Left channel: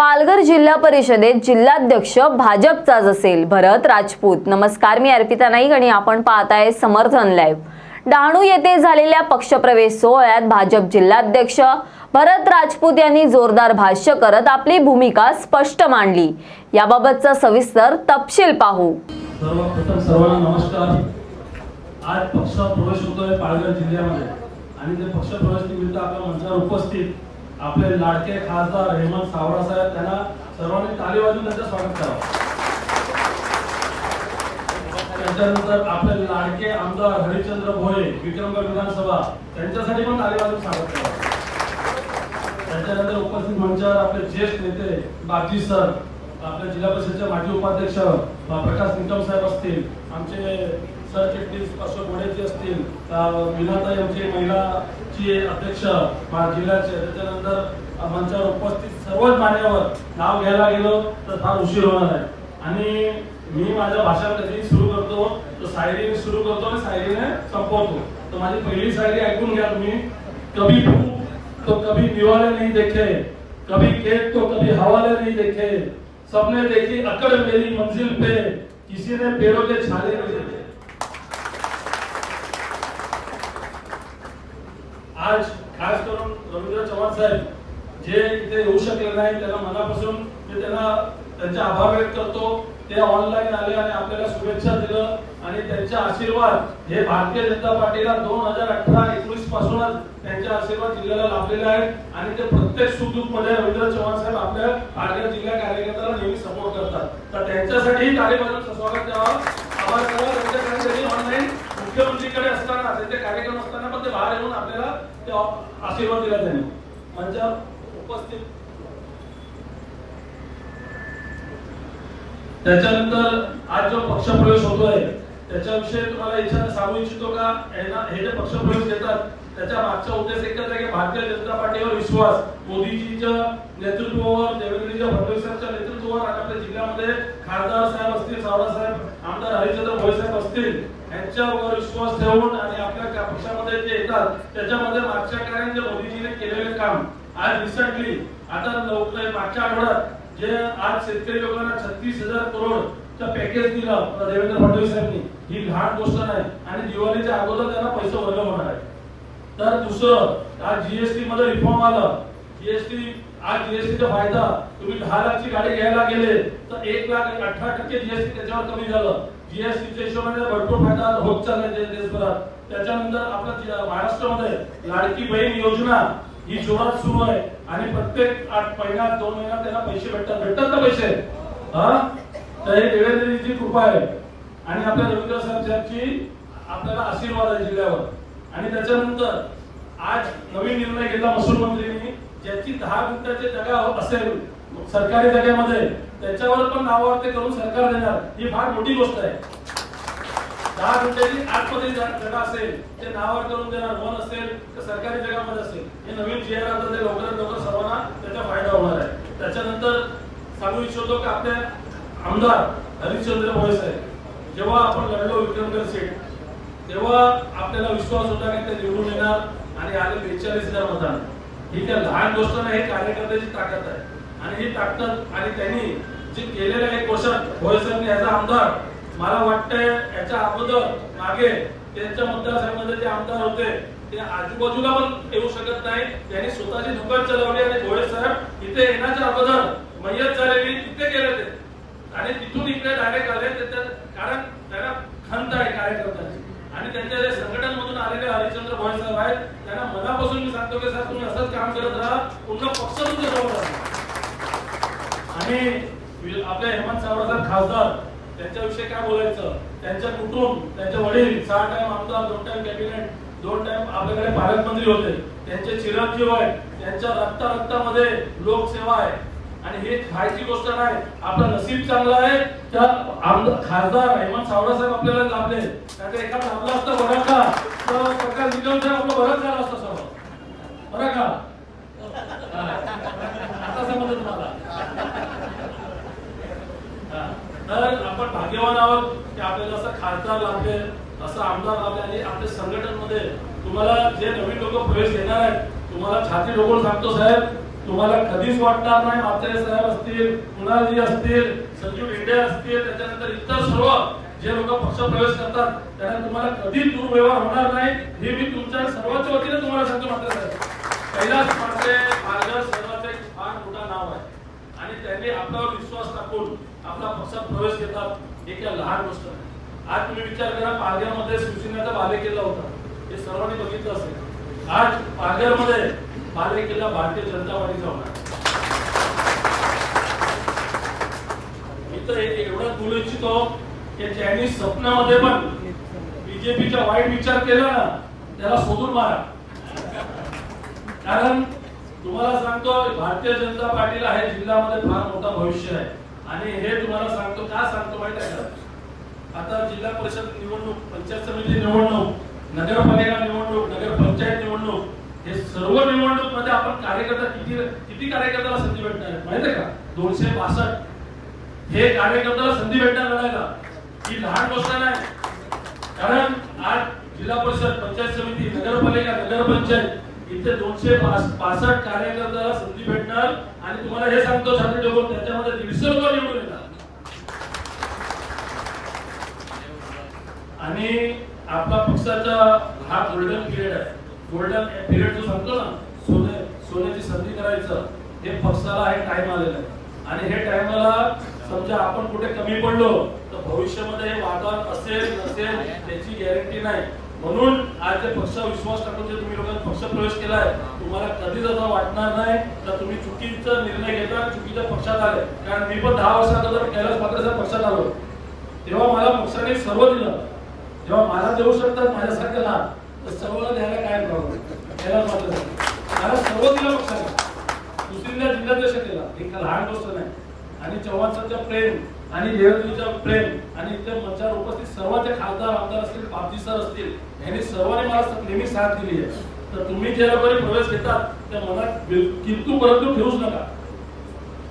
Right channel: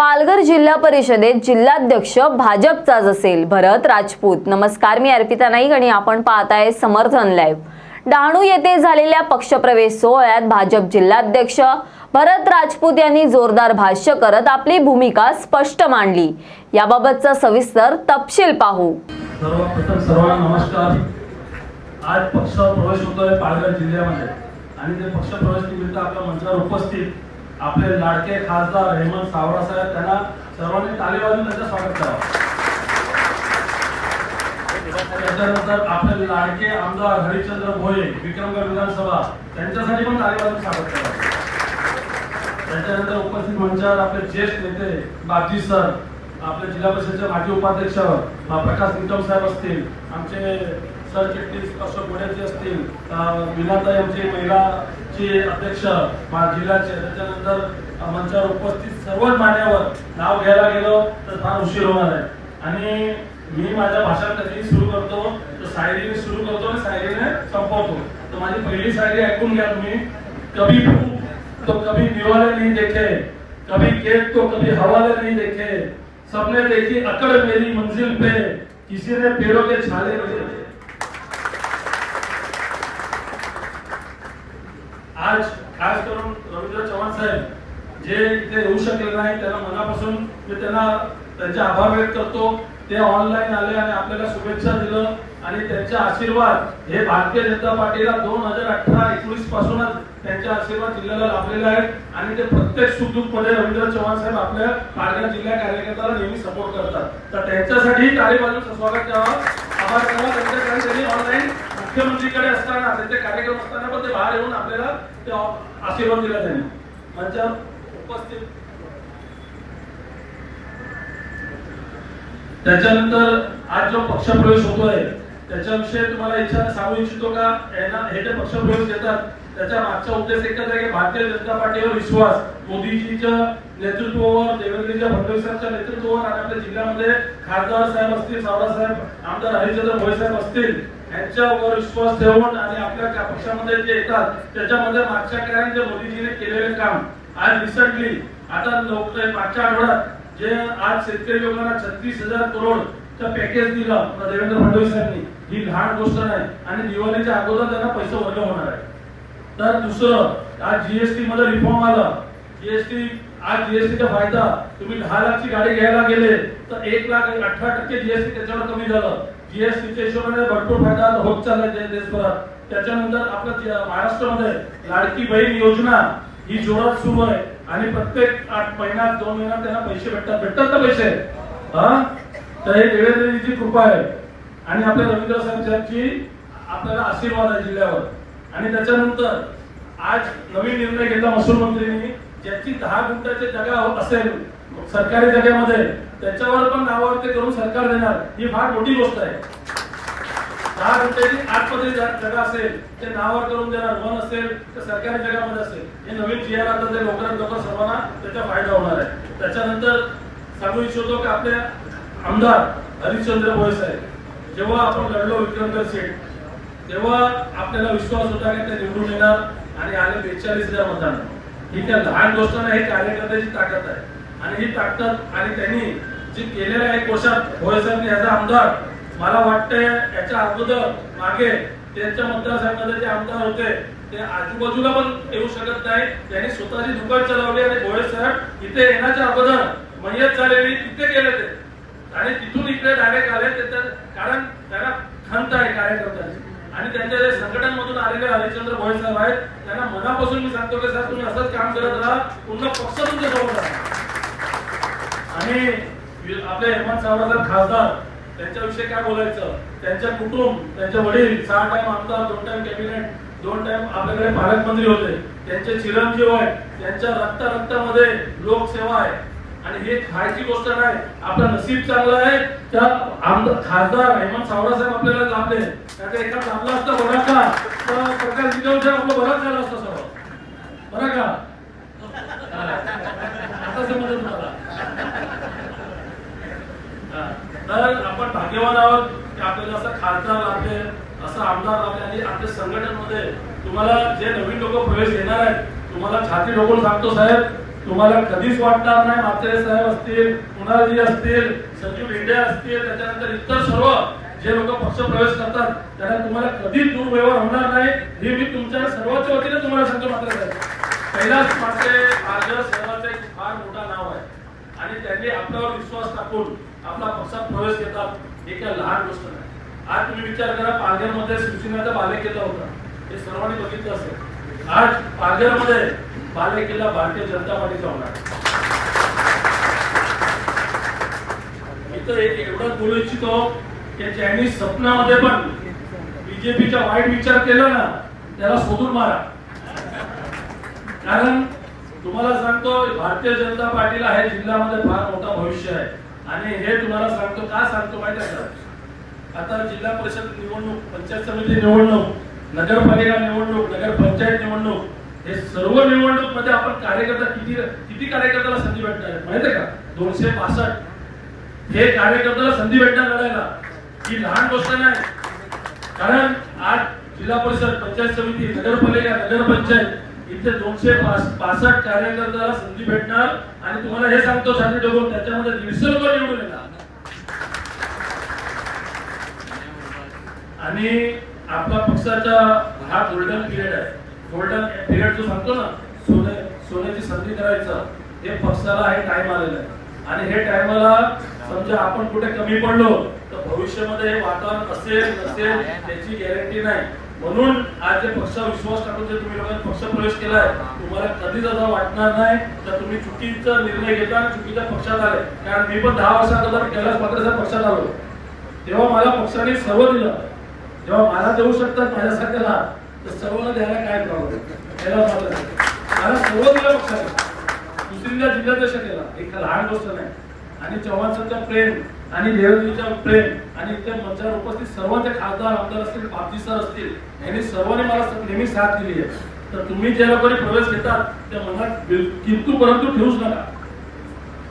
पालघर जिल्हा परिषदेत जिल्हाध्यक्ष भाजपचाच असेल भरत राजपूत. नमस्कार मी अर्पिता नाईक आणि आपण पाहताय समर्थन लाईव्ह डहाणू येथे झालेल्या पक्षप्रवेश सोहळ्यात भाजप जिल्हाध्यक्ष भरत राजपूत यांनी जोरदार भाष्य करत आपली भूमिका स्पष्ट मांडली. याबाबतचा सविस्तर तपशील पाहू. सर्वप्रथम सर्वांना नमस्कार. आज पक्ष प्रवेश होतोय पालघर जिल्ह्यामध्ये. आणि ते पक्ष प्रवेश निमित्त आपल्या मंचावर उपस्थित आपले लाडके खासदार हेमंत सावरा साहेब त्यांना सर्वांनी ताली वाजून त्यांचं स्वागत करावं. त्याच्यानंतर आपले लाडके आमदार हरिश्चंद्र भोये विक्रमगड विधानसभा त्यांच्यासाठी पण ताली वाजून स्वागत करावं. त्याच्यानंतर उपस्थित मंचावर आपले ज्येष्ठ नेते बाजी सर आपल्या जिल्हा परिषदेचे माजी उपाध्यक्ष प्रकाश निकम साहेब असतील आमचे सरचिटणीस अशोक गोडेचे असतील अ, मीनाताई आमचे महिलाची अध्यक्ष जिल्ह्याचे त्याच्यानंतर मंचावर उपस्थित सर्वच मान्यावर नाव घ्यायला गेलो तर फार उशीर होणार आहे. आणि मी माझं भाषण कधी सुरू करतो तर सायरीने सुरू करतो आणि सायरीने संपवतो. तर माझी पहिली सायरी ऐकून घ्या तुम्ही. कभी तो कभी दिवाले नहीं देखे कभी खेत तो कभी हवाले नहीं देखे सबने देखी अकड़ मेरी मंजिल पे किसी ने पेड़ों के छाले नहीं आज खास करून रवींद्र चव्हाण साहेब जे इथे येऊ शकले नाही त्यांना मनापासून मी त्यांना त्यांचे आभार व्यक्त करतो. ते ऑनलाईन आले आणि आपल्याला शुभेच्छा दिलं. आणि त्यांचे आशीर्वाद हे भारतीय जनता पार्टीला दोन हजार अठरा एकोणीस पासूनच त्यांचे आशीर्वाद जिल्ह्याला लाभलेले आहेत. आणि ते प्रत्येक सुखदुःखमध्ये रवींद्र चव्हाण साहेब आपल्या पालघर जिल्हा कार्यकर्त्याला नेहमी सपोर्ट करतात. तर त्यांच्यासाठी तालिबाजूचं स्वागत द्यावं आभार करावा त्यांच्याकडे त्यांनी ऑनलाईन मुख्यमंत्रीकडे असताना त्यांचे कार्यक्रम असताना पण ते बाहेर येऊन आपल्याला ते आशीर्वाद दिला त्यांनी. त्यांच्या उपस्थित. त्याच्यानंतर आज जो पक्षप्रवेश आहे त्याच्याविषयी तुम्हाला इच्छा सांगू इच्छितो का? यांना हे जे पक्षप्रवेश घेतात त्याच्या मागचा उद्देश एकच आहे की भारतीय जनता पार्टीवर विश्वास. मोदीजीच्या नेतृत्वावर देवेंद्रजीच्या फडणवीसांच्या नेतृत्वावर आणि आपल्या जिल्ह्यामध्ये खासदार साहेब असतील सावरा साहेब आमदार हरिचंद्र भोई साहेब असतील यांच्यावर विश्वास ठेवून आणि आपल्या त्या पक्षामध्ये जे येतात त्याच्यामध्ये मागच्या काळात जे मोदीजीने केलेले काम आज रिसेंटली आता मागच्या आठवड्यात जे आज शेतकरी लोकांना छत्तीस हजार करोड पॅकेज दिलं देवेंद्र फडणवीस यांनी. ही लहान गोष्ट नाही. आणि दिवाळीच्या अगोदर त्यांना पैसे भरले होणार आहे तर दुसरं आज जीएसटी मध्ये रिफॉर्म आला. जीएसटी आज जीएसटीचा फायदा तुम्ही दहा लाखची गाडी घ्यायला गेले तर एक लाख अठरा टक्के जीएसटी त्याच्यावर कमी झालं. जीएसटीच्या हिशोबाने भरपूर फायदा होत चाललाय देशभरात. त्याच्यानंतर आपल्या महाराष्ट्रामध्ये लाडकी बहीण योजना ही जोरात सुरू आहे. आणि प्रत्येक आठ महिन्यात दोन महिन्यात त्यांना पैसे भेटतात. भेटतात ना पैसे? हा? तर हे देवेंद्रजीची कृपा आहे. आणि आपल्या रवींद्र साहेब साहेबची आपल्याला आशीर्वाद आहे जिल्ह्यावर. आणि त्याच्यानंतर आज नवीन निर्णय घेतला महसूल मंत्र्यांनी ज्याची दहा गुंठाची जागा असेल सरकारी जागेमध्ये त्याच्यावर पण नावावर ते करून सरकार देणार. ही फार मोठी गोष्ट आहे. दहा गुंठ्याची आतमध्ये जा- जागा असेल ते नावावर करून देणार. वन असेल तर सरकारी जगामध्ये असेल. हे नवीन जी आता ते लवकरात लवकर सर्वांना त्याचा फायदा होणार आहे. त्याच्यानंतर सांगू इच्छितो की आपल्या आमदार हरिश्चंद्र भोये साहेब जेव्हा आपण लढलो विक्रमगड सीट तेव्हा आपल्याला विश्वास होता की ते निवडून येणार आणि आले बेचाळीस हजार मतदान. ही त्या लहान गोष्ट नाही कार्यकर्त्याची ताकद आहे. आणि ही ताकद आणि त्यांनी जे केलेल्या एक वर्षात भोये साहेब याचा आमदार मला वाटतंय याच्या अगोदर मागे त्यांच्या मतदारसंघामध्ये जे आमदार होते ते आजूबाजूला पण येऊ शकत नाही. त्यांनी स्वतःची दुकान चालवली आणि भोळे साहेब इथे येण्याच्या अगोदर मयत झालेली तिथे गेले ते. आणि तिथून इकडे डायरेक्ट आले ते त्या- कारण त्यांना खंत आहे कार्यकर्त्यांची. आणि त्यांच्या जे संघटन मधून आलेले हरिश्चंद्र भोळे साहेब आहेत त्यांना मनापासून मी सांगतो की साहेब तुम्ही असंच काम करत राहा पुन्हा पक्ष तुमच्यासमोर आणि आपल्या हेमंत सावरकर खासदार त्यांच्याविषयी काय बोलायचं? त्यांच्या कुटुंब त्यांचे वडील सहा टाइम आमदार दोन टाइम कॅबिनेट दोन टाइम आपल्याकडे पालकमंत्री होते. त्यांचे चिरंजीव आहेत त्यांच्या रक्ता रक्तामध्ये लोकसेवा आहे. आणि हे खायची गोष्ट नाही. आपलं नशीब चांगलं आहे. त्या आमदार खासदार हेमंत सावरा साहेब आपल्याला लाभले. त्याचा एका लाभला असतं बघा का? तर प्रकाश निगमच्या आपलं बरंच झालं असतं सर्व. बरं का? आता समजलं तुम्हाला. तर आपण भाग्यवान आहोत की आपल्याला असं खासदार लाभले असं आमदार लाभले आणि आपल्या संघटनेमध्ये तुम्हाला जे नवीन लोक प्रवेश घेणार आहेत तुम्हाला छाती डोकून सांगतो साहेब तुम्हाला कधीच वाटणार नाही म्हात्रे साहेब असतील कुणालजी असतील संजीव भेंडे असतील त्याच्यानंतर इतर सर्व जे लोक पक्ष प्रवेश करतात त्यांना तुम्हाला कधीच दुर्व्यवहार होणार नाही हे मी तुमच्या सर्वांच्या वतीने तुम्हाला सांगतो मात्र साहेब. कैलास म्हात्रे पालघर सर्वांचं एक फार मोठा नाव आहे. आणि त्यांनी आपल्यावर विश्वास टाकून आपला पक्षात प्रवेश घेतात हे काय लहान गोष्ट नाही. आज तुम्ही विचार करा पालघरमध्ये शिवसेनेचा बालेकिल्ला होता. हे सर्वांनी बघितलं असेल. आज पालघरमध्ये बालेकिल्ला भारतीय जनता पार्टीचा होणार. मी तर एक बोलू इच्छितो की ज्यांनी स्वप्नामध्ये पण बीजेपीचा वाईट विचार केला ना त्याला शोधून मारा. कारण तुम्हाला सांगतो भारतीय जनता पार्टीला हे जिल्ह्यामध्ये फार मोठा भविष्य आहे. आणि हे तुम्हाला सांगतो का सांगतो माहिती आहे का? आता जिल्हा परिषद निवडणूक पंचायत समिती निवडणूक नगरपालिका निवडणूक नगरपंचायत निवडणूक हे सर्व निवडणूकमध्ये आपण कार्यकर्ता किती किती कार्यकर्त्याला संधी भेटणार माहितीये माहिती आहे का? दोनशे पासष्ट हे कार्यकर्त्याला संधी भेटणार लढायला ही लहान गोष्ट नाही. कारण आज जिल्हा परिषद पंचायत समिती नगरपालिका नगरपंचायत इथे दोनशे पास- पासष्ट कार्यकर्त्याला संधी भेटणार आणि तुम्हाला हे सांगतो साधी डोगो त्याच्यामध्ये दीडशे लोक निवडून येणार. आणि आपला पक्षाचा हा गोल्डन पिरियड आहे. गोल्डन पिरियड जो सांगतो ना सोने सोन्याची संधी करायचं हे पक्षाला हे टाइम आलेलं आहे. आणि हे टायमाला समजा आपण कुठे कमी पडलो तर भविष्यामध्ये हे वातावरण असेल नसेल त्याची गॅरंटी नाही. म्हणून आज जे पक्ष विश्वास टाकून जे तुम्ही लोकांनी पक्ष प्रवेश केलाय तुम्हाला कधीच असं वाटणार नाही तर तुम्ही चुकीचा निर्णय घेता चुकीच्या पक्षात आले. कारण मी पण दहा वर्षा अगोदर कैलास मात्र पक्षात आलो तेव्हा मला पक्षाने सर्व दिलं. जेव्हा मला देऊ शकतात माझ्यासारख्याला तर सर्वांना द्यायला काय प्रॉब्लेम मला सर्व दिलं पक्षाने दुसरीला जिल्हाध्यक्ष केला. एक लहान गोष्ट नाही. आणि चव्हाणचं प्रेम आणि देवेंद्रजीचं प्रेम आणि इतर मंचावर उपस्थित सर्व ते खासदार आमदार असतील पापजी सर असतील यांनी सर्वांनी मला नेहमी साथ दिली आहे. तर तुम्ही ज्या लोकांनी प्रवेश घेतात त्या मनात किंतू परंतु ठेवूच नका.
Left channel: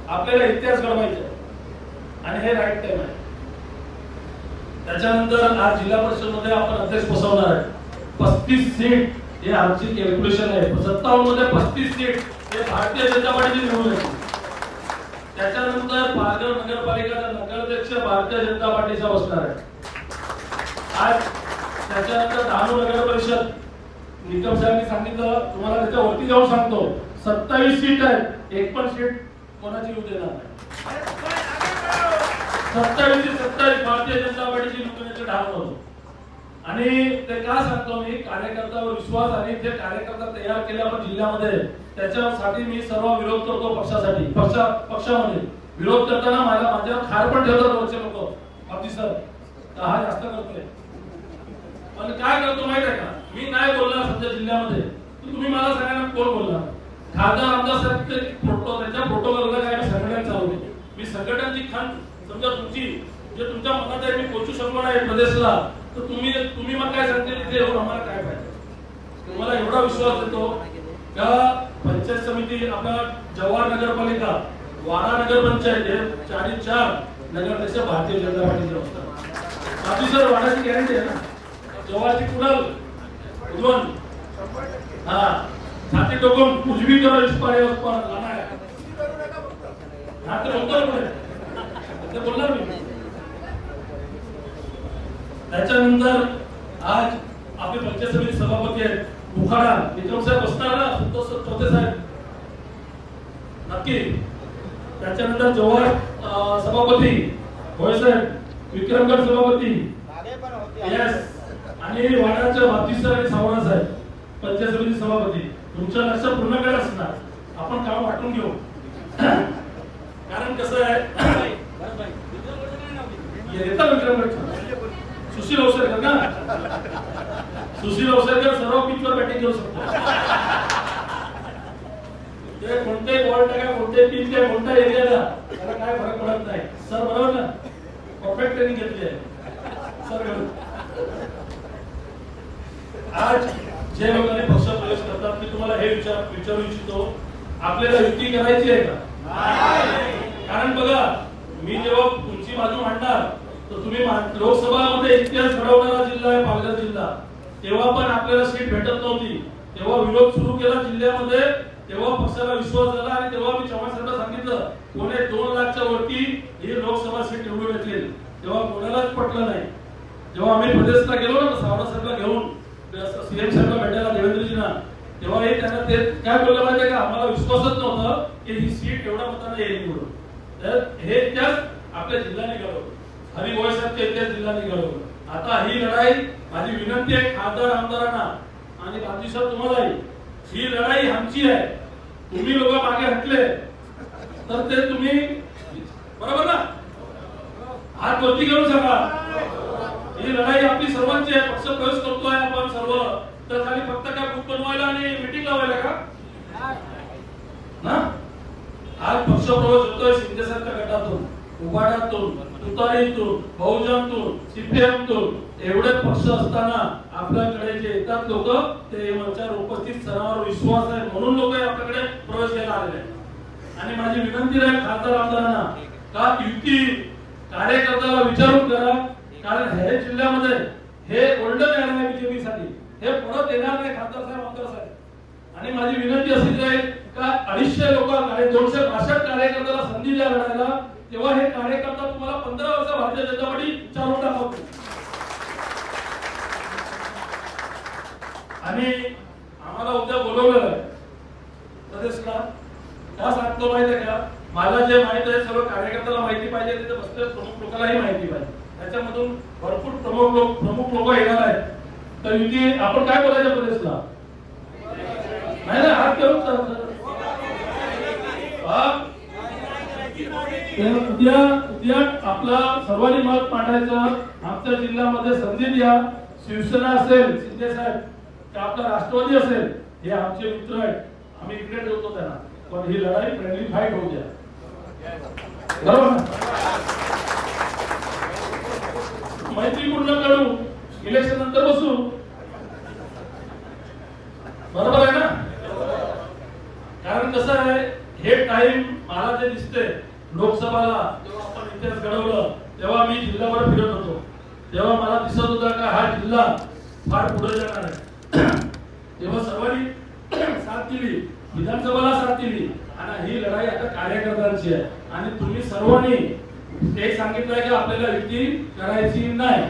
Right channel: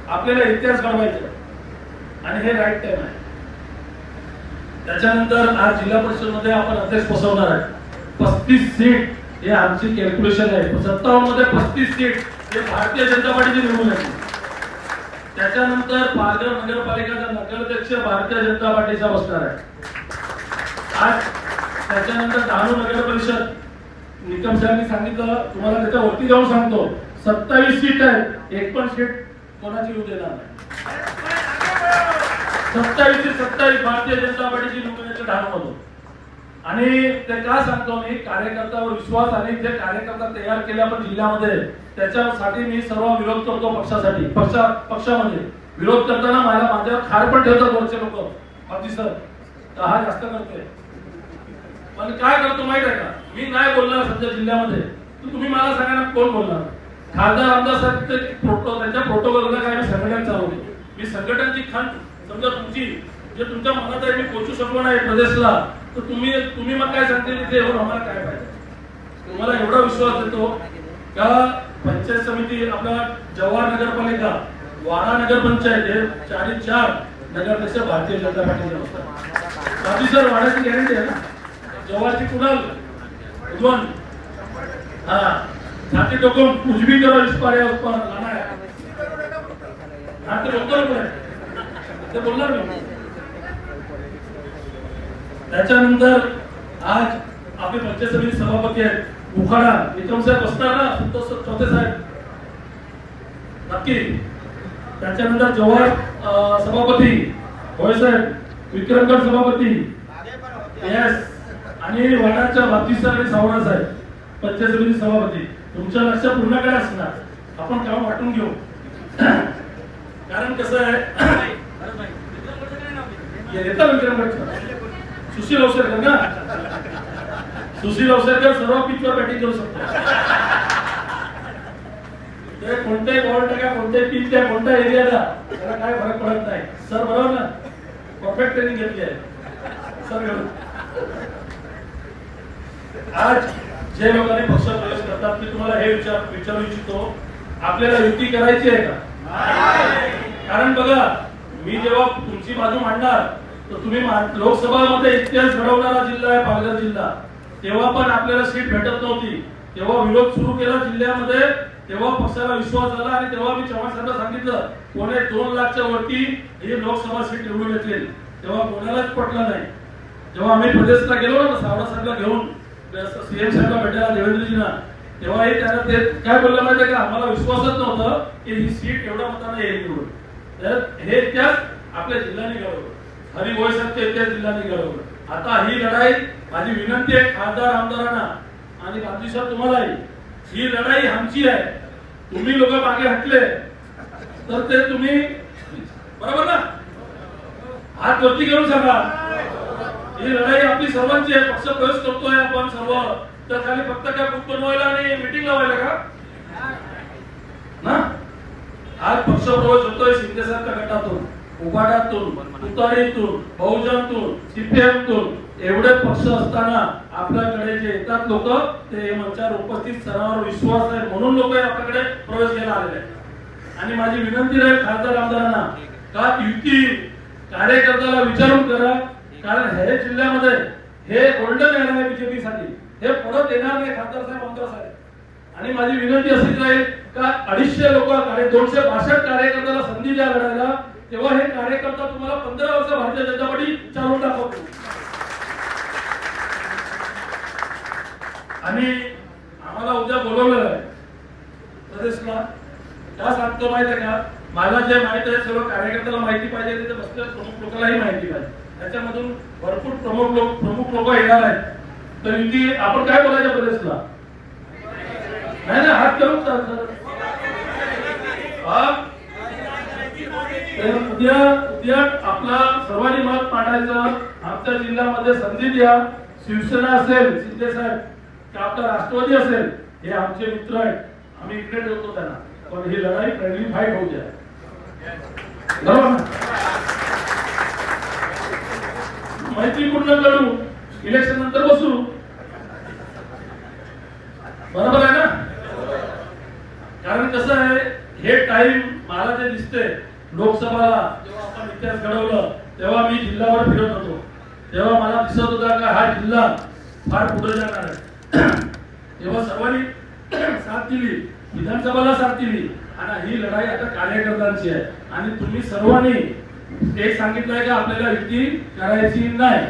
आपल्याला इतिहास घडवायचा आहे. आणि हे राईट टाइम आहे. त्याच्यानंतर आज जिल्हा परिषदमध्ये आपण अध्यक्ष बसवणार आहे. पस्तीस सीट हे आमची कॅल्क्युलेशन आहे. सत्तावन्नमध्ये पस्तीस सीट हे भारतीय जनता पार्टीची निवडून आहे त्याच्यानंतर पालघर नगरपालिकेचा नगराध्यक्ष भारतीय जनता पार्टीचा बसणार आहे. आज त्याच्यानंतर डहाणू नगर परिषद निकम साहेबांनी सांगितलं तुम्हाला त्याच्या वरती जाऊन सांगतो. सत्तावीस सीट आहेत. एक पण सीट कोणाची येऊ देणार नाही. सत्तावीस ते सत्तावीस भारतीय जनता पार्टीची निवडून येते आणि ते का सांगतो मी कार्यकर्त्यावर विश्वास आणि जे कार्यकर्ता तयार केले आपण जिल्ह्यामध्ये त्याच्यासाठी मी सर्व विरोध करतो पक्षासाठी. पक्षा पक्षामध्ये. विरोध करताना माझ्या माझ्यावर खार पण ठेवतात वरचे लोक. बाकी सर तर हा जास्त करतोय. पण काय करतो माहीत आहे का? मी नाही बोलणार सध्या जिल्ह्यामध्ये. तुम्ही मला सांगा ना कोण बोलणार? खासदार आमदार साहेब त्याच्या प्रोटो प्रोटोकॉलला काय मी संघटन चालवते. मी संघटनची खंड समजा तुमची जे तुमच्या मनात आहे मी पोचू शकलो नाही प्रदेशला तर तुम्ही तुम्ही मग काय सांगतील इथे? येऊन आम्हाला काय पाहिजे? तुम्हाला एवढा विश्वास देतो का पंचायत समिती आपला जवाहर नगरपालिका वाडा नगरपंचायत हे चारी चार नगराध्यक्ष भारतीय जनता पार्टीचे असतात. बाकी सर वाड्याची गॅरंटी आहे ना? जव्हारची कुणाल? उद्वन हा. छाती टोकून उजवी करा इस्पार आहे उस्पार लाना आहे. हा ते बोलतो पण आहे. ते बोलणार मी. त्याच्यानंतर आज आपले पंचायत समिती सभापती आहेत मुखाडा विक्रम साहेब असणार ना संतोष चौथे साहेब. नक्की. त्याच्यानंतर जवाहर सभापती होय साहेब. विक्रमगड सभापती. येस आणि वाडाच्या बाबतीत आणि सावरा साहेब पंचायत समिती सभापती. तुमच्या लक्ष पूर्णकडे असणार? आपण काम वाटून घेऊ. कारण कसं आहे येता विक्रमगडचा सुशील अवसरकर ना? सुशील अवसरकर सर्व पिचवर बॅटिंग करू शकतो. ते कोणत्याही बॉल टाका कोणत्याही पिच द्या कोणत्या एरियाला त्याला काय फरक पडत नाही. सर बरोबर ना? परफेक्ट ट्रेनिंग घेतली आहे. सर आज जे लोकांनी पक्ष प्रवेश करतात मी तुम्हाला हे विचार विचारू इच्छितो. आपल्याला युती करायची आहे का? कारण बघा मी जेव्हा तुमची बाजू मांडणार तर तुम्ही लोकसभा लोकसभामध्ये इतिहास घडवणारा जिल्हा आहे पालघर जिल्हा. तेव्हा पण आपल्याला सीट भेटत नव्हती. तेव्हा विरोध सुरू केला जिल्ह्यामध्ये तेव्हा पक्षाला विश्वास झाला आणि तेव्हा मी चव्हाण साहेबांना सांगितलं कोणी दोन लाखच्या वरती ही लोकसभा सीट निवडून घेतली तेव्हा कोणालाच पटलं नाही. जेव्हा आम्ही प्रदेशला गेलो ना सावरा साहेबला घेऊन सीएम साहेबला भेटायला देवेंद्रजीना तेव्हा हे त्यांना ते काय बोललं माहितीये का? आम्हाला विश्वासच नव्हतं की ही सीट एवढ्या मतांना येईल निवडून तर हे त्याच आपल्या जिल्ह्याने घडवलं. हरी गोळे साहेब ते त्याच जिल्ह्याने घडवलं. आता ही लढाई माझी विनंती आहे खासदार आमदारांना आणि बाजी सर तुम्हालाही. ही लढाई आमची आहे. तुम्ही लोक मागे हटले. तर ते तुम्ही बरोबर ना? हात वरती घेऊन सांगा. ही लढाई आपली सर्वांची आहे. पक्ष प्रवेश करतोय आपण सर्व. तर खाली फक्त काय बुक बनवायला आणि मिटिंग लावायला का? ना? आज पक्ष प्रवेश होतोय शिंदे साहेबच्या गटातून उभाडातून उतारीतून बहुजनतून सीपीएमतून एवढे पक्ष असताना आपल्याकडे जे येतात लोक ते मंचावर उपस्थित सर्वांवर विश्वास आहे म्हणून लोक आपल्याकडे प्रवेश घ्यायला आलेले आहेत. आणि माझी विनंती राहील खासदार आमदारांना का युती कार्यकर्त्याला विचारून करा कारण हे जिल्ह्यामध्ये हे ओल्ड येणार आहे बीजेपी साठी. हे परत येणार नाही खासदार साहेब आमदार साहेब. आणि माझी विनंती अशीच राहील का अडीचशे लोक दोनशे बासष्ट कार्यकर्त्याला संधी द्या लढायला तेव्हा हे कार्यकर्ता तुम्हाला पंधरा वर्ष भारतीय जनता पार्टी चालवून दाखवतो आणि आम्हाला उद्या बोलवलेलं आहे. प्रदेशला का सांगतो माहिती आहे का? मला जे माहीत आहे सर्व कार्यकर्त्याला माहिती पाहिजे तिथे बसलेल्या प्रमुख लोकांनाही माहिती पाहिजे. त्याच्यामधून भरपूर प्रमुख लोक प्रमुख लोक येणार आहेत. तर युती आपण काय बोलायचं प्रदेशला नाही ना हात करून चालतं. उद्या उद्या आपला सर्वांनी मत मांडायचं आमच्या जिल्ह्यामध्ये संधी द्या. शिवसेना असेल शिंदे साहेब का आपला राष्ट्रवादी असेल हे आमचे मित्र आहेत. आम्ही इकडे ठेवतो त्यांना. पण ही लढाई फ्रेंडली फाईट होऊ द्या. बरोबर ना? मैत्रीपूर्ण लढू इलेक्शन नंतर बसू. बरोबर आहे ना? कारण कसं आहे हे टाइम मला जे दिसते लोकसभाला जेव्हा आपण इतिहास घडवलं तेव्हा मी जिल्ह्यावर फिरत होतो. तेव्हा मला दिसत होता का हा जिल्हा फार पुढे जाणार आहे. तेव्हा सर्वांनी साथ दिली विधानसभाला साथ दिली आणि ही लढाई आता कार्यकर्त्यांची आहे. आणि तुम्ही सर्वांनी एक सांगितलंय की आपल्याला युती करायची नाही.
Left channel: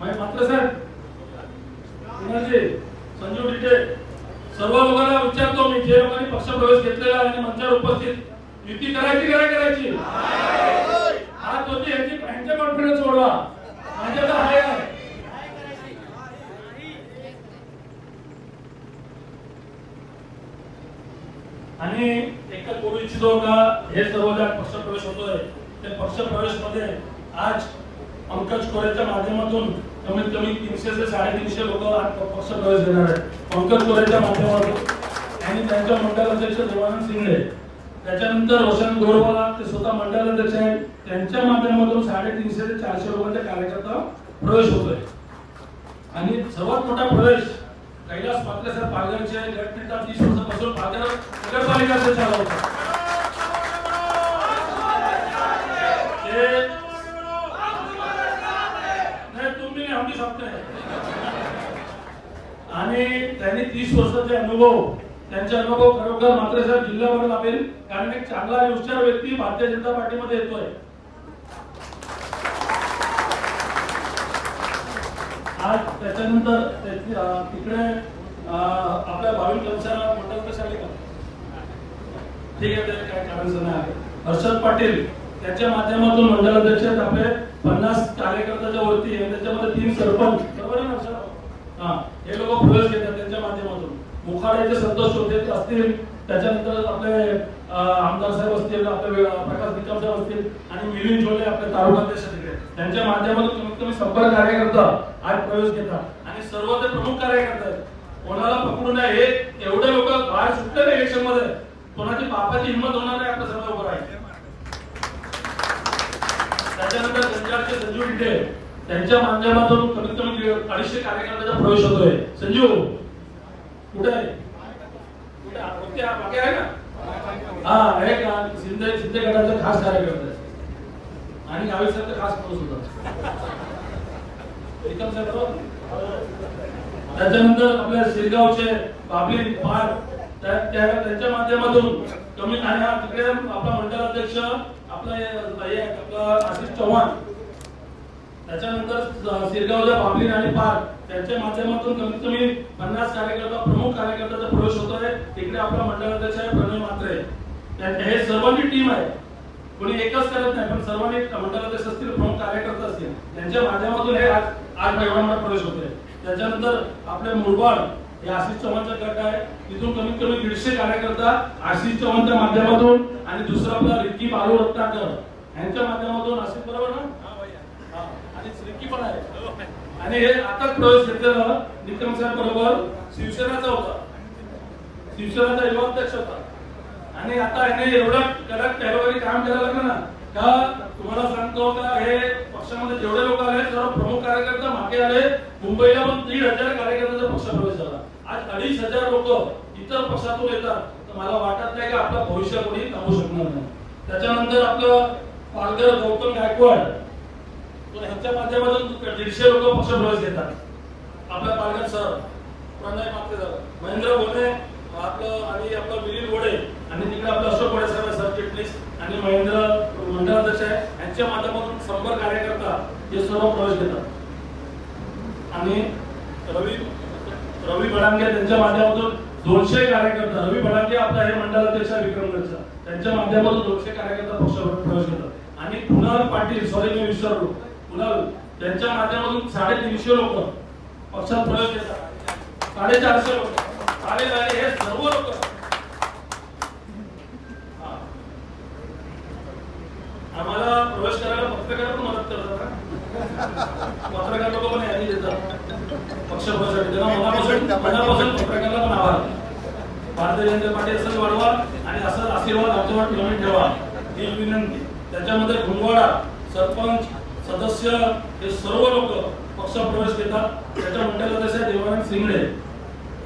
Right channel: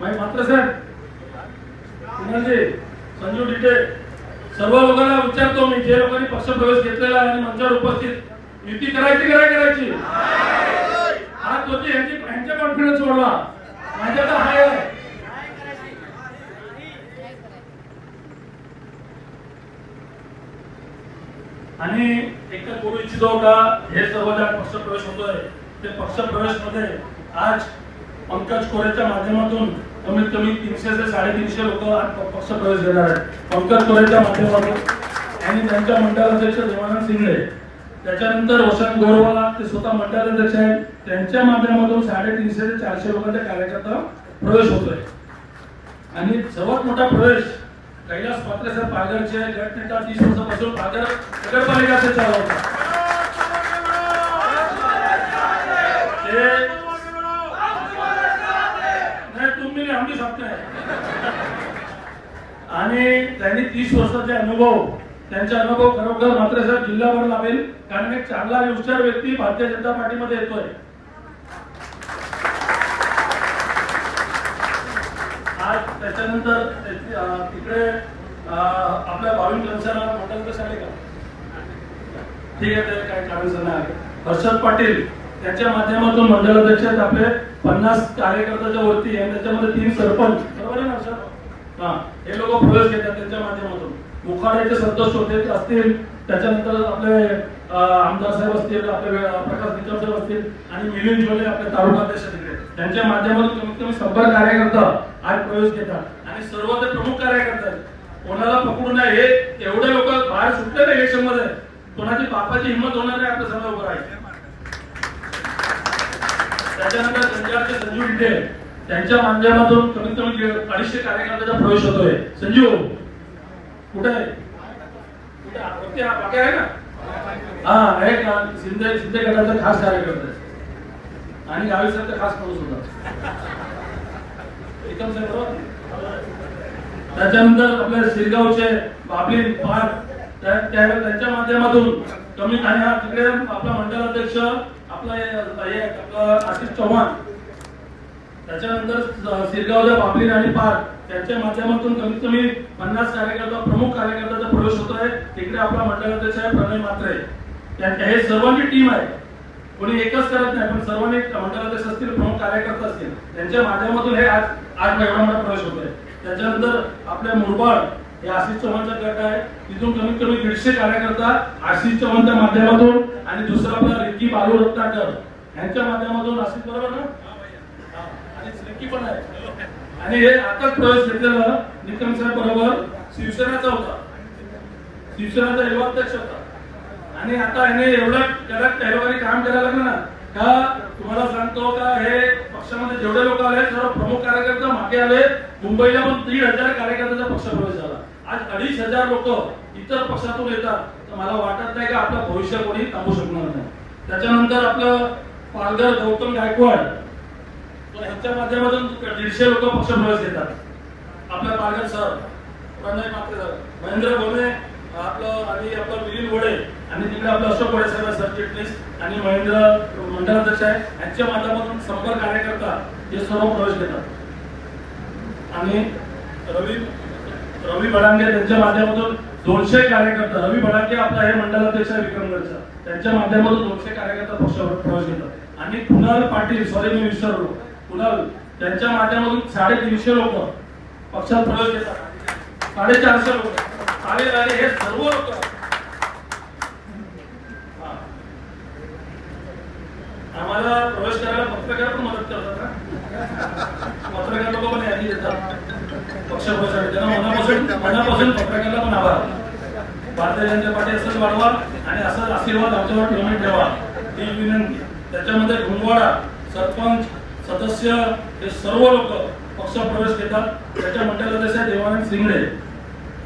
मात्र साहेब संजू डिटे सर्व लोकांना विचारतो मी जे लोकांनी पक्ष प्रवेश घेतलेला आहे आणि मंचावर उपस्थित. युती करायची काय करायची? हा होते यांची यांचे कॉन्फिडन्स सोडवा माझ्या तर हाय. आणि एकच बोलू इच्छितो का हे सर्व ज्या पक्ष प्रवेश होतोय ते पक्ष प्रवेशमध्ये आज पंकज कोरेच्या माध्यमातून कमीत कमी तीनशे ते साडेतीनशे लोक पक्ष प्रवेश देणार आहेत पंकज कोरेच्या माध्यमातून आणि त्यांच्या मंडळाध्यक्ष देवानंद सिंगळे त्याच्यानंतर वसंत गोरवाला ते स्वतः मंडळाध्यक्ष आहेत. त्यांच्या माध्यमातून साडेतीनशे ते चारशे लोकांच्या कार्यकर्ता प्रवेश होतोय. आणि सर्वात मोठा प्रवेश कैलास पात्रे सर पालघरचे गटनेता तीस वर्षापासून पालघर नगरपालिका ते चालवतात. ते नाही तुम्ही नाही आम्ही सांगते आणि त्यांनी तीस वर्षाचे अनुभव त्यांचे अनुभव खरोखर मात्र साहेब जिल्ह्यावर लावेल कारण एक चांगला विचार हुशार व्यक्ती भारतीय जनता पार्टीमध्ये येतोय. आज त्याच्यानंतर तिकडे आपल्या भाविक जनसेना मंडळ आले का? ठीक आहे ते काय कारण नाही हर्षद पाटील त्याच्या माध्यमातून मंडळाध्यक्ष आपले. पन्नास कार्यकर्त्याच्या वरती आहे त्याच्यामध्ये तीन सरपंच. बरोबर आहे ना हर्षद? हा हे लोक प्रवेश घेतात त्यांच्या माध्यमातून. मुखाड्याचे संतोष होते ते असतील त्याच्यानंतर आपले आमदार साहेब असतील आपले प्रकाश निकम साहेब असतील आणि मिलिंद झोले आपले तालुकाध्यक्ष तिकडे. त्यांच्या माध्यमातून कमीत कमी शंभर कार्यकर्ता आज प्रवेश घेतात आणि सर्व ते प्रमुख कार्यकर्ते आहेत. कोणाला पकडू नये एवढे लोक बाहेर सुटले ना इलेक्शनमध्ये कोणाची बापाची हिंमत होणार नाही आपल्या सर्व उभं राहायचं. त्याच्यानंतर संजयचे संजू इथे त्यांच्या माध्यमातून कमीत कमी दीड- अडीचशे कार्यकर्त्याचा प्रवेश होतोय. संजीव कुठे आहे? कुठे? आहे? बाकी आहे ना? हा आहे का? शिंदे शिंदे गटाचा खास कार्यकर्ता आणि गावी साहेबचा खास माणूस होता. एकदम साहेब बरोबर? त्याच्यानंतर आपल्या शिरगावचे बाबली पार त्या- त्यांच्या माध्यमातून कमी आणि हा तिकडे आपला मंडलाध्यक्ष आपला हे आपला आशिष चव्हाण त्याच्यानंतर स- सिरगावच्या बाबलीन आणि पार्क यांच्या माध्यमातून कमीत कमी पन्नास कार्यकर्ता प्रमुख कार्यकर्त्याचा प्रवेश होतो आहे तिकडे आपला मंडळाध्यक्ष आहे प्रणय मात्रे त्या- हे सर्वांची टीम आहे. कोणी एकच करत नाही पण सर्वांनी मंडळाध्यक्ष असतील प्रमुख कार्यकर्ते असतील त्यांच्या माध्यमातून हे आज आठ एवढा मोठा प्रवेश होतोय. त्याच्यानंतर आपल्या मुरबाड हे आशिष चव्हाणचा गट आहे. तिथून कमीत कमी दीडशे कार्यकर्ता आशिष चव्हाणच्या माध्यमातून आणि दुसरा आपला रिक्की बालू रत्नाकर. यांच्या माध्यमातून आशिष बरोबर ना? हा. पण आहे. आणि हे आताच प्रवेश घेतलेला निकम साहेब बरोबर शिवसेनाचा होता. शिवसेनेचा युवाध्यक्ष होता. आणि आता याने एवढा कडक त्या काम करायला लागलं ना. का तुम्हाला सांगतो का हे पक्षामध्ये जेवढे लोक आले सर्व प्रमुख कार्यकर्ता मागे आले. मुंबईला पण दीड हजार कार्यकर्त्यांचा पक्ष प्रवेश झाला. आज अडीच हजार लोक इतर पक्षातून येतात. तर मला वाटत नाही का आपलं भविष्य कोणी थांबू शकणार नाही. त्याच्यानंतर आपलं पालघर गौतम गायकवाड ह्यांच्या माध्यमातून दीडशे लोक पक्ष प्रवेश घेतात. आपल्या पालघर सर प्रणय मात्रे महेंद्र भोमे आपलं आणि आपलं मिलिंद वडे आणि तिकडे आपलं अशोक वडे सर सरचिटणीस आणि महेंद्र मंडळाध्यक्ष आहे. यांच्या माध्यमातून संपर्क कार्यकर्ता हे सर्व प्रवेश घेतात. आणि रवी रवी भडांगे त्यांच्या माध्यमातून दोनशे कार्यकर्ता रवी भडांगे आपला हे मंडळाध्यक्ष आहे विक्रमगडचा. त्यांच्या माध्यमातून दोनशे कार्यकर्ता पक्षावर प्रवेश घेतात. आणि कुणाल पाटील सॉरी मी विसरलो. पुन्हा त्यांच्या माध्यमातून साडेतीनशे लोक पक्षात प्रवेश घेतात. साडेचारशे लोक. साडेचारशे हे सर्व लोक. आम्हाला प्रवेश करायला पत्रकार पण मदत करतात ना? पत्रकार लोक पण यादी देतात. पक्ष प्रवेशासाठी. त्यांना मनापासून मनापासून पत्रकाराला पण आभार. भारतीय जनता पार्टी असंच वाढवा आणि असंच आशीर्वाद आमच्यावर ठेवून ठेवा. ही विनंती. त्याच्यामध्ये घुंगवाडा सरपंच सदस्य हे सर्व लोक पक्ष प्रवेश घेतात. त्याच्या मंडळाध्यक्ष आहे देवानंद सिंगडे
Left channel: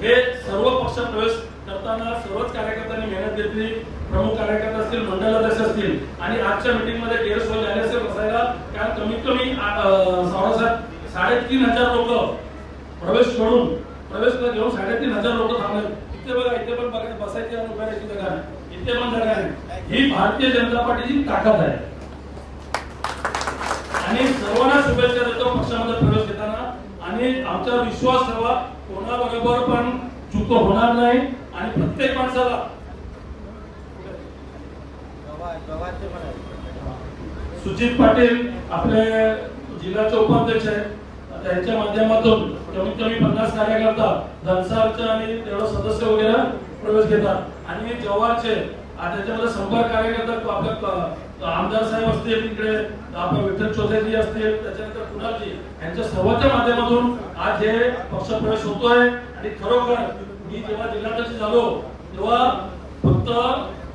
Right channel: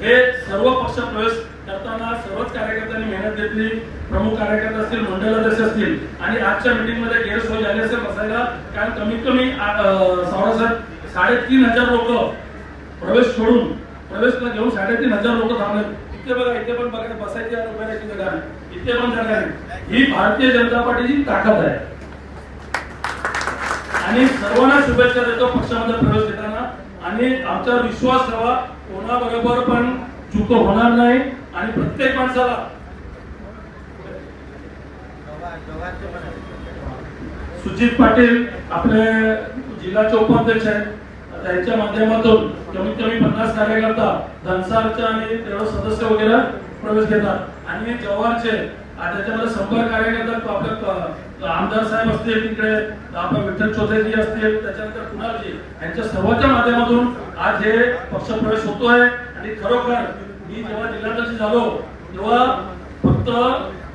हे सर्व पक्ष प्रवेश करताना सर्वच कार्यकर्त्यांनी मेहनत घेतली. प्रमुख कार्यकर्ते असतील मंडळाध्यक्ष असतील. आणि आजच्या मीटिंगमध्ये गैरसोय झाली असेल बसायला कारण कमीत कमी सावरासाहेब साडेतीन हजार लोक प्रवेश सोडून प्रवेशला घेऊन साडेतीन हजार लोक थांबले. इथे बघा इथे पण बघा बसायची जागा इथे पण जागा आहे ही भारतीय जनता पार्टीची ताकद आहे. आणि सर्वांना शुभेच्छा देतो पक्षामध्ये प्रवेश घेताना. आणि आमचा विश्वास ठेवा कोणाबरोबर पण चुक होणार नाही आणि प्रत्येक माणसाला. सुजित पाटील आपले जिल्ह्याचे उपाध्यक्ष आहेत. त्यांच्या माध्यमातून कमीत कमी पन्नास कार्यकर्ता धनसारचे आणि तेवढं सदस्य वगैरे प्रवेश घेतात. आणि जव्हारचे आणि त्याच्यामध्ये शंभर कार्यकर्ता आपले आमदार साहेब असतील तिकडे आपलं विठ्ठल चौधरी असतील त्याच्यानंतर कुणालजी यांच्या सर्वांच्या माध्यमातून आज हे पक्ष प्रवेश होतोय. आणि खरोखर मी जेव्हा जिल्हाध्यक्ष झालो तेव्हा फक्त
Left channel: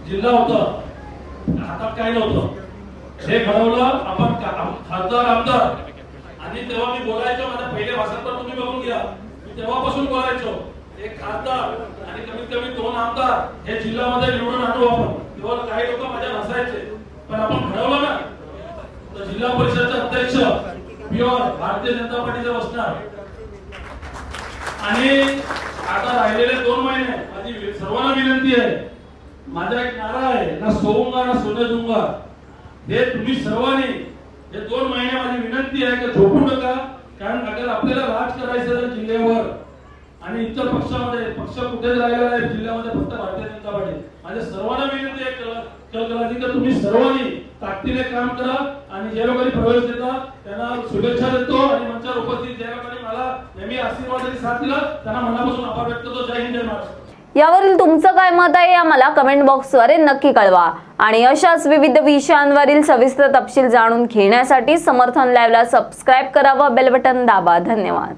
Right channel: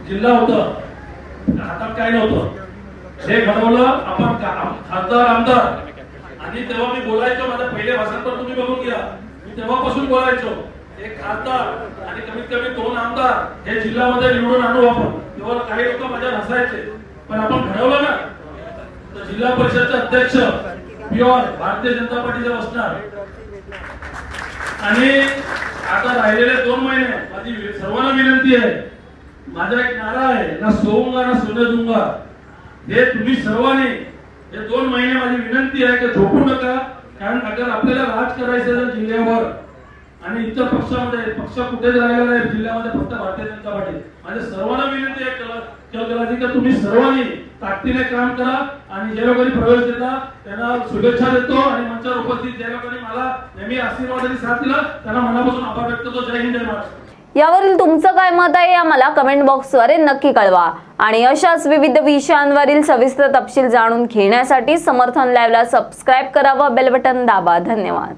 जिल्हा होतं. हातात काही नव्हतं. हे घडवलं आपण खासदार आमदार. आणि तेव्हा मी बोलायचो माझ्या पहिले भाषण पण तुम्ही बघून घ्या. मी तेव्हापासून बोलायचो. एक खासदार आणि कमीत कमी दोन आमदार हे जिल्ह्यामध्ये निवडून आणू आपण. तेव्हा काही लोक माझ्या हसायचे पण आपण घडवलं ना. तर जिल्हा परिषदचे अध्यक्ष प्युअर भारतीय जनता पार्टीचा बसणार. आणि आता राहिलेले दोन महिने माझी सर्वांना विनंती आहे. माझा एक नारा आहे ना सोंगा ना सोन्या दूंगा हे तुम्ही सर्वांनी हे दोन महिने माझी विनंती आहे की झोपू नका कारण अगर आपल्याला राज करायचं जिल्ह्यावर आणि इतर पक्षामध्ये पक्ष कुठेच राहिला नाही जिल्ह्यामध्ये फक्त भारतीय जनता पार्टी. माझ्या सर्वांना विनंती आहे कल- कलकलाची की तुम्ही सर्वांनी ताकदीने काम करा आणि जे लोकांनी प्रवेश देता त्यांना शुभेच्छा देतो आणि मंचावर उपस्थित ज्या लोकांनी मला नेहमी आशीर्वाद आणि साथ दिला त्यांना मनापासून आभार व्यक्त करतो. जय हिंद जय महाराष्ट्र. यावरील तुमचं काय मत आहे आम्हाला कमेंट बॉक्सद्वारे नक्की कळवा. आणि अशाच विविध विषयांवरील सविस्तर तपशील जाणून घेण्यासाठी समर्थन लाईव्हला सबस्क्राईब करा व बेल बटन दाबा. धन्यवाद.